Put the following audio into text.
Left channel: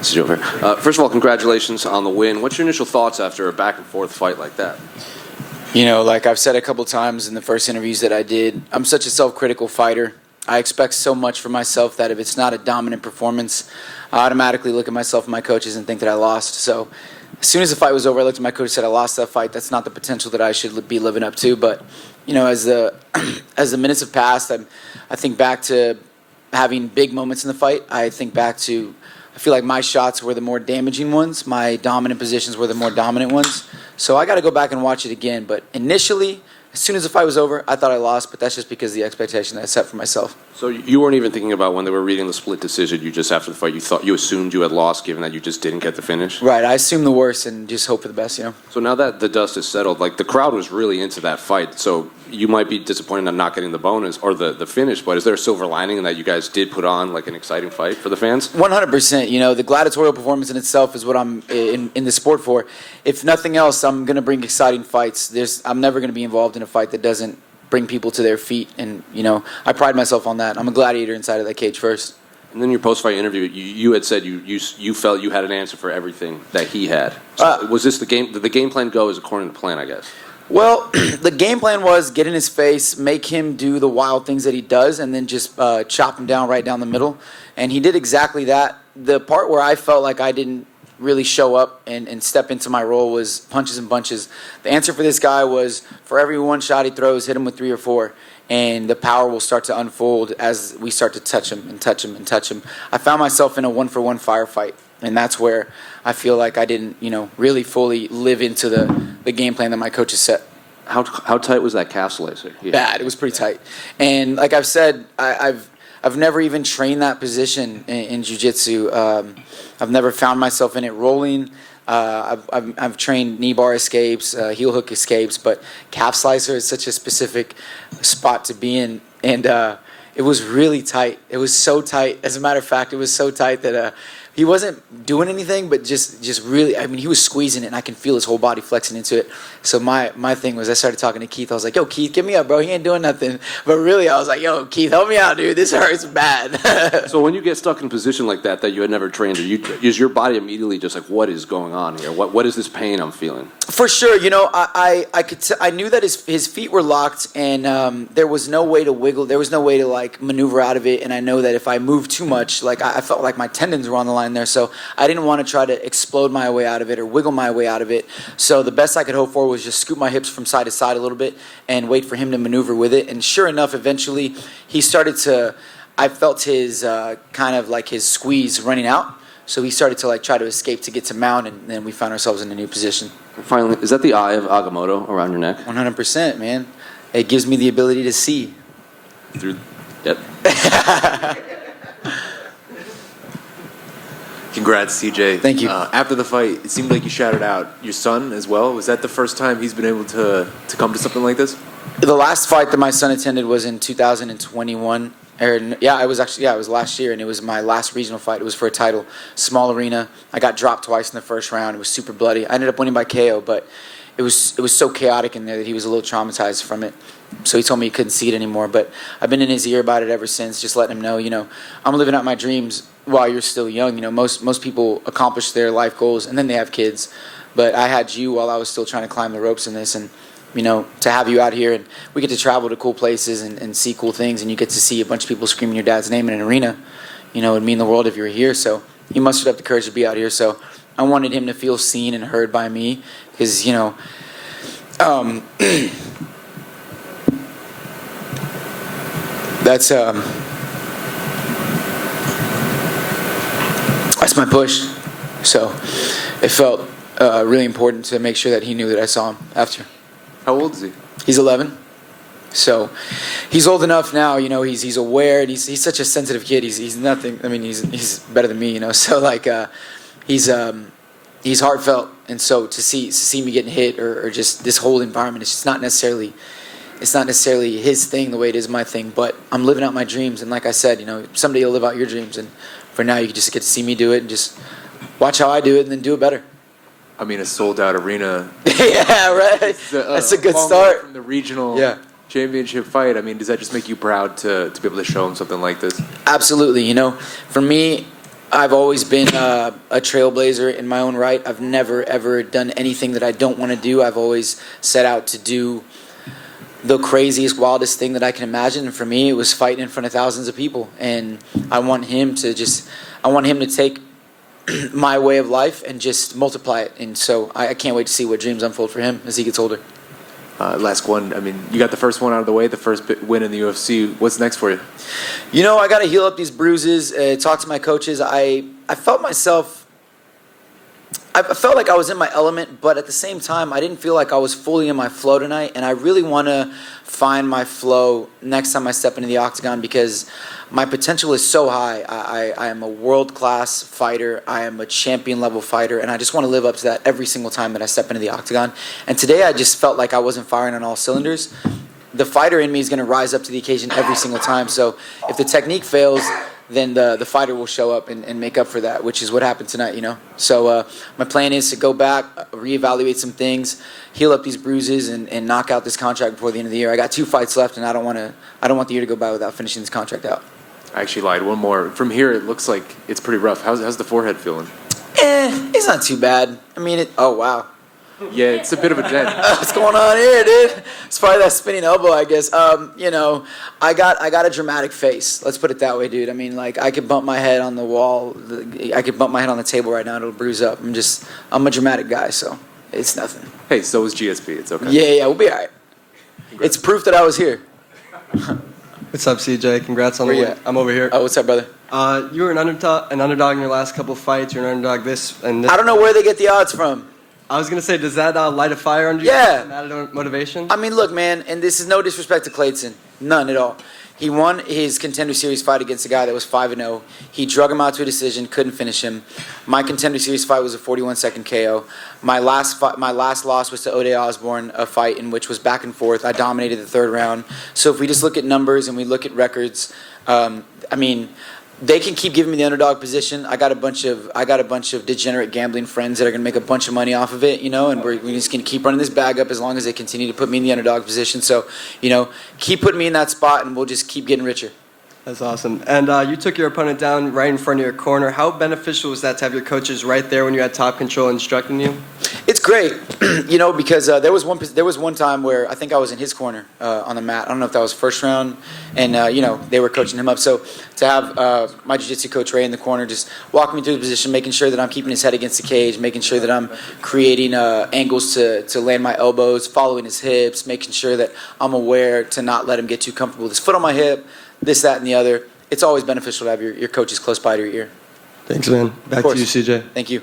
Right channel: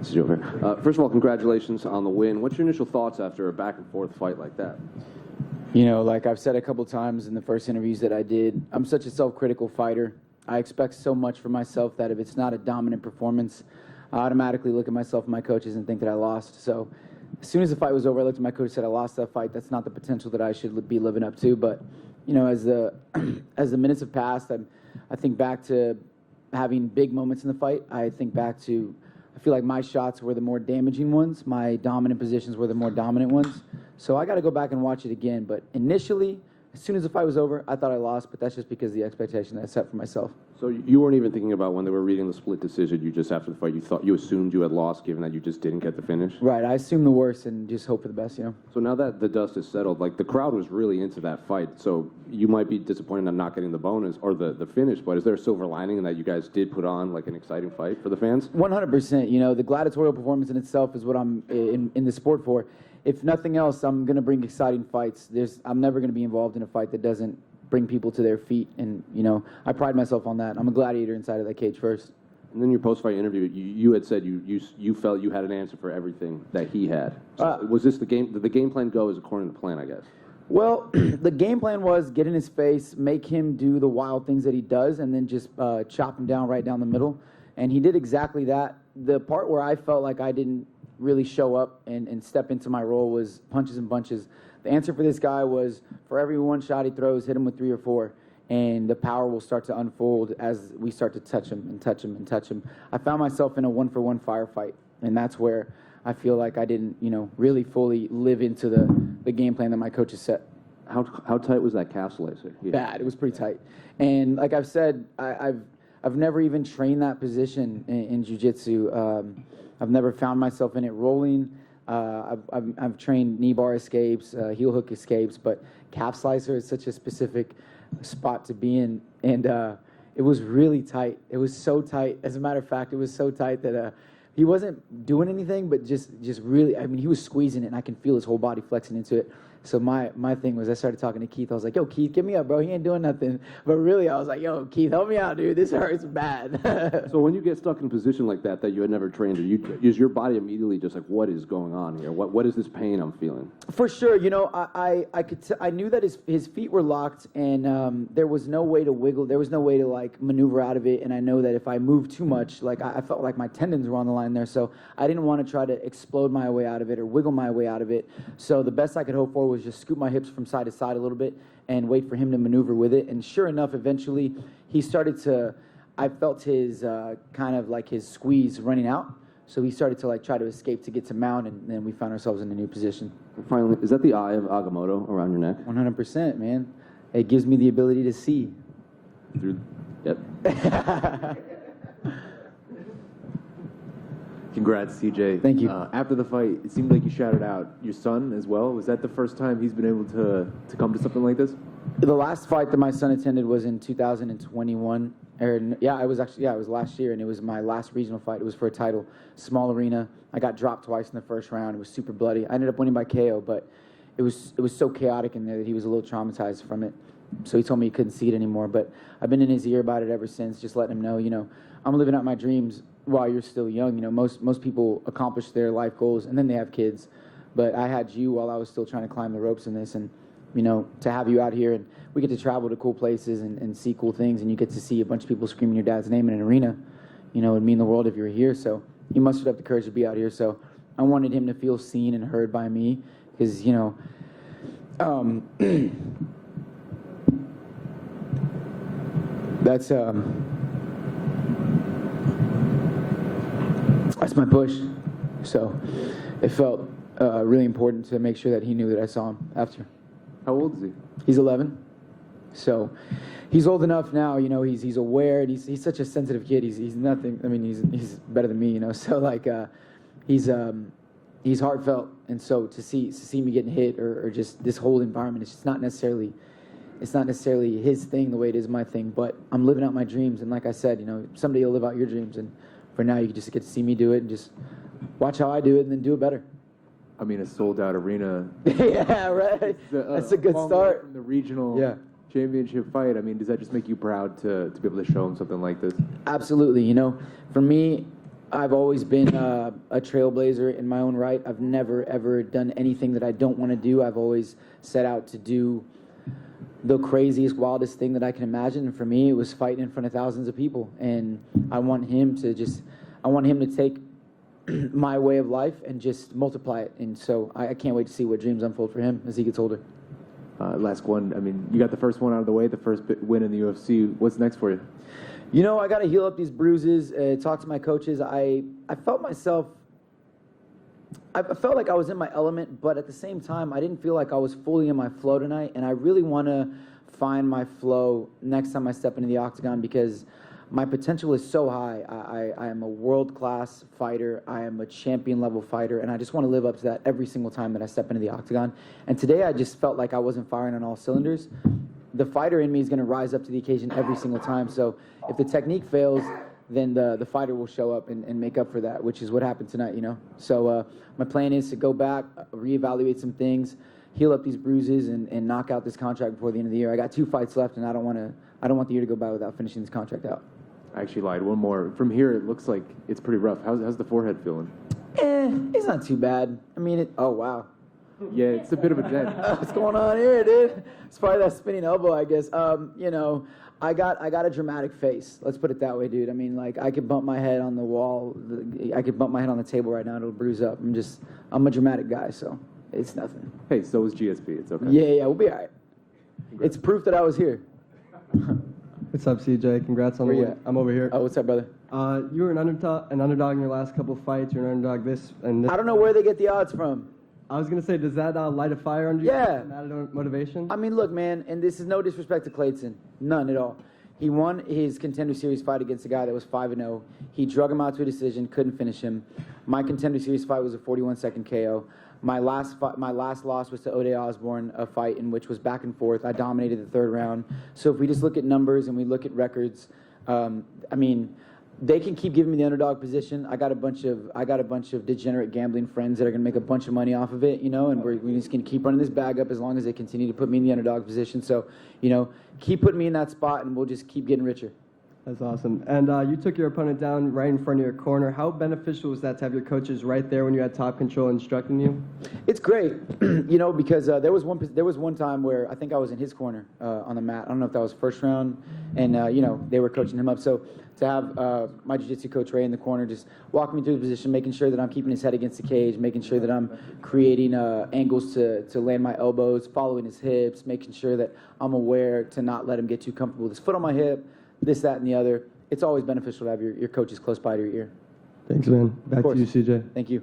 CJ Vergara. First of all, congratulations on the win. What's your initial thoughts after a back-and-forth fight like that? You know, like I've said a couple times in the first interviews that I did, I'm such a self-critical fighter. I expect so much from myself that if it's not a dominant performance, I automatically look at myself and my coaches and think that I lost. So as soon as the fight was over, I looked at my coach and said, I lost that fight. That's not the potential that I should be living up to. But, you know, as the minutes have passed, I think back to having big moments in the fight. I think back to, I feel like my shots were the more damaging ones. My dominant positions were the more dominant ones. So I got to go back and watch it again. But initially, as soon as the fight was over, I thought I lost, but that's just because of the expectation that I set for myself. So you weren't even thinking about when they were reading the split decision, you just after the fight, you assumed you had lost given that you just didn't get the finish? Right, I assumed the worst and just hope for the best, you know. So now that the dust is settled, like the crowd was really into that fight, so you might be disappointed on not getting the bonus or the finish, but is there a silver lining in that you guys did put on like an exciting fight for the fans? 100%. You know, the gladiatorial performance in itself is what I'm in the sport for. If nothing else, I'm going to bring exciting fights. I'm never going to be involved in a fight that doesn't bring people to their feet, and you know, I pride myself on that. I'm a gladiator inside of that cage first. And then your post-fight interview, you had said you felt you had an answer for everything that he had. So was this the game? Did the game plan go as according to plan, I guess? Well, the game plan was get in his face, make him do the wild things that he does, and then just chop him down right down the middle. And he did exactly that. The part where I felt like I didn't really show up and step into my role was punches and bunches. The answer for this guy was for every one shot he throws, hit him with 3 or 4. And the power will start to unfold as we start to touch him and touch him and touch him. I found myself in a 1-for-1 firefight, and that's where I feel like I didn't, you know, really fully live into the game plan that my coaches set. How tight was that calf slicer? Yeah. Bad. It was pretty tight. And like I've said, I've never even trained that position in jiu-jitsu. I've never found myself in it rolling. I've trained knee bar escapes, heel hook escapes, but calf slicer is such a specific spot to be in. And it was really tight. It was so tight. As a matter of fact, it was so tight that he wasn't doing anything, but just really, I mean, he was squeezing it, and I can feel his whole body flexing into it. So my thing was I started talking to Keith. I was like, yo, Keith, get me up, bro. He ain't doing nothing. But really, I was like, yo, Keith, help me out, dude. This hurts bad. So when you get stuck in a position like that you had never trained, is your body immediately just like, what is going on here? What is this pain I'm feeling? For sure. You know, I knew that his feet were locked, and there was no way to wiggle. There was no way to, like, maneuver out of it. And I know that if I moved too much, like, I felt like my tendons were on the line there, so I didn't want to try to explode my way out of it or wiggle my way out of it. So the best I could hope for was just scoop my hips from side to side a little bit and wait for him to maneuver with it. And sure enough, eventually he started to, I felt his kind of like his squeeze running out. So he started to like try to escape to get to mount, and then we found ourselves in a new position. Finally, is that the eye of Agamotto around your neck? 100%, man. It gives me the ability to see. Yep. Congrats, CJ. Thank you. After the fight, it seemed like you shouted out your son as well. Was that the first time he's been able to come to something like this? The last fight that my son attended was in 2021. It was last year, and it was my last regional fight. It was for a title, small arena. I got dropped twice in the first round. It was super bloody. I ended up winning by KO, but it was so chaotic in there that he was a little traumatized from it. So he told me he couldn't see it anymore. But I've been in his ear about it ever since, just letting him know, you know, I'm living out my dreams while you're still young. You know, most people accomplish their life goals and then they have kids. But I had you while I was still trying to climb the ropes in this, and you know, to have you out here, and we get to travel to cool places and see cool things, and you get to see a bunch of people screaming your dad's name in an arena. You know, it'd mean the world if you were here. So he mustered up the courage to be out here. So I wanted him to feel seen and heard by me, because, you know, that's my push. So it felt really important to make sure that he knew that I saw him after. How old is he? He's 11. So he's old enough now, you know, he's aware, and he's such a sensitive kid. He's nothing. I mean, he's better than me, you know. So like he's heartfelt, and so to see me getting hit or just this whole environment, it's not necessarily his thing the way it is my thing, but I'm living out my dreams. And like I said, you know, someday you'll live out your dreams, and for now you just get to see me do it and just watch how I do it and then do it better. I mean, a sold-out arena. Yeah, right. That's a good start. From the regional championship fight, I mean, does that just make you proud to be able to show him something like this? Absolutely. You know, for me, I've always been a trailblazer in my own right. I've never, ever done anything that I don't want to do. I've always set out to do the craziest, wildest thing that I can imagine. And for me, it was fighting in front of thousands of people. And I want him to take my way of life and just multiply it. And so I can't wait to see what dreams unfold for him as he gets older. Last one. I mean, you got the first one out of the way, the first win in the UFC. What's next for you? You know, I got to heal up these bruises, talk to my coaches. I felt like I was in my element, but at the same time, I didn't feel like I was fully in my flow tonight, and I really want to find my flow next time I step into the octagon because my potential is so high. I am a world-class fighter. I am a champion-level fighter, and I just want to live up to that every single time that I step into the octagon. And today I just felt like I wasn't firing on all cylinders. The fighter in me is going to rise up to the occasion every single time. So if the technique fails, then the fighter will show up and make up for that, which is what happened tonight, you know. So my plan is to go back, reevaluate some things, heal up these bruises, and knock out this contract before the end of the year. I got 2 fights left, and I don't want the year to go by without finishing this contract out. I actually lied. One more. From here, it looks like it's pretty rough. How's the forehead feeling? It's not too bad. I mean, oh, wow. Yeah, it's a bit of a dent. What's going on here, dude? It's probably that spinning elbow, I guess. You know, I got a dramatic face. Let's put it that way, dude. I mean, like, I could bump my head on the wall. I could bump my head on the table right now. It'll bruise up. I'm a dramatic guy, so it's nothing. Hey, so is GSP. It's okay. Yeah, we'll be all right. It's proof that I was here. What's up, CJ? Congrats on the win. I'm over here. Oh, what's up, brother? You were an underdog in your last couple of fights. You're an underdog this and this. I don't know where they get the odds from. I was going to say, does that light a fire under you? Yeah. Added motivation? I mean, look, man, and this is no disrespect to Kleydson. None at all. He won his Contender Series fight against a guy that was 5-0. He drug him out to a decision, couldn't finish him. My Contender Series fight was a 41-second KO. My last loss was to O'Day Osborne, a fight in which was back and forth. I dominated the third round. So if we just look at numbers and we look at records, I mean, they can keep giving me the underdog position. I got a bunch of degenerate gambling friends that are gonna make a bunch of money off of it, you know, and we're just gonna keep running this bag up as long as they continue to put me in the underdog position. So, you know, keep putting me in that spot, and we'll just keep getting richer. That's awesome. And you took your opponent down right in front of your corner. How beneficial was that to have your coaches right there when you had top control instructing you? It's great, you know, because there was one time where I think I was in his corner on the mat. I don't know if that was first round, and you know, they were coaching him up. So to have my jiu-jitsu coach Ray in the corner, just walking me through the position, making sure that I'm keeping his head against the cage, making sure that I'm creating angles to land my elbows, following his hips, making sure that I'm aware to not let him get too comfortable with his foot on my hip, this, that, and the other. It's always beneficial to have your coaches close by to your ear. Thanks, man. Back to you, CJ. Thank you.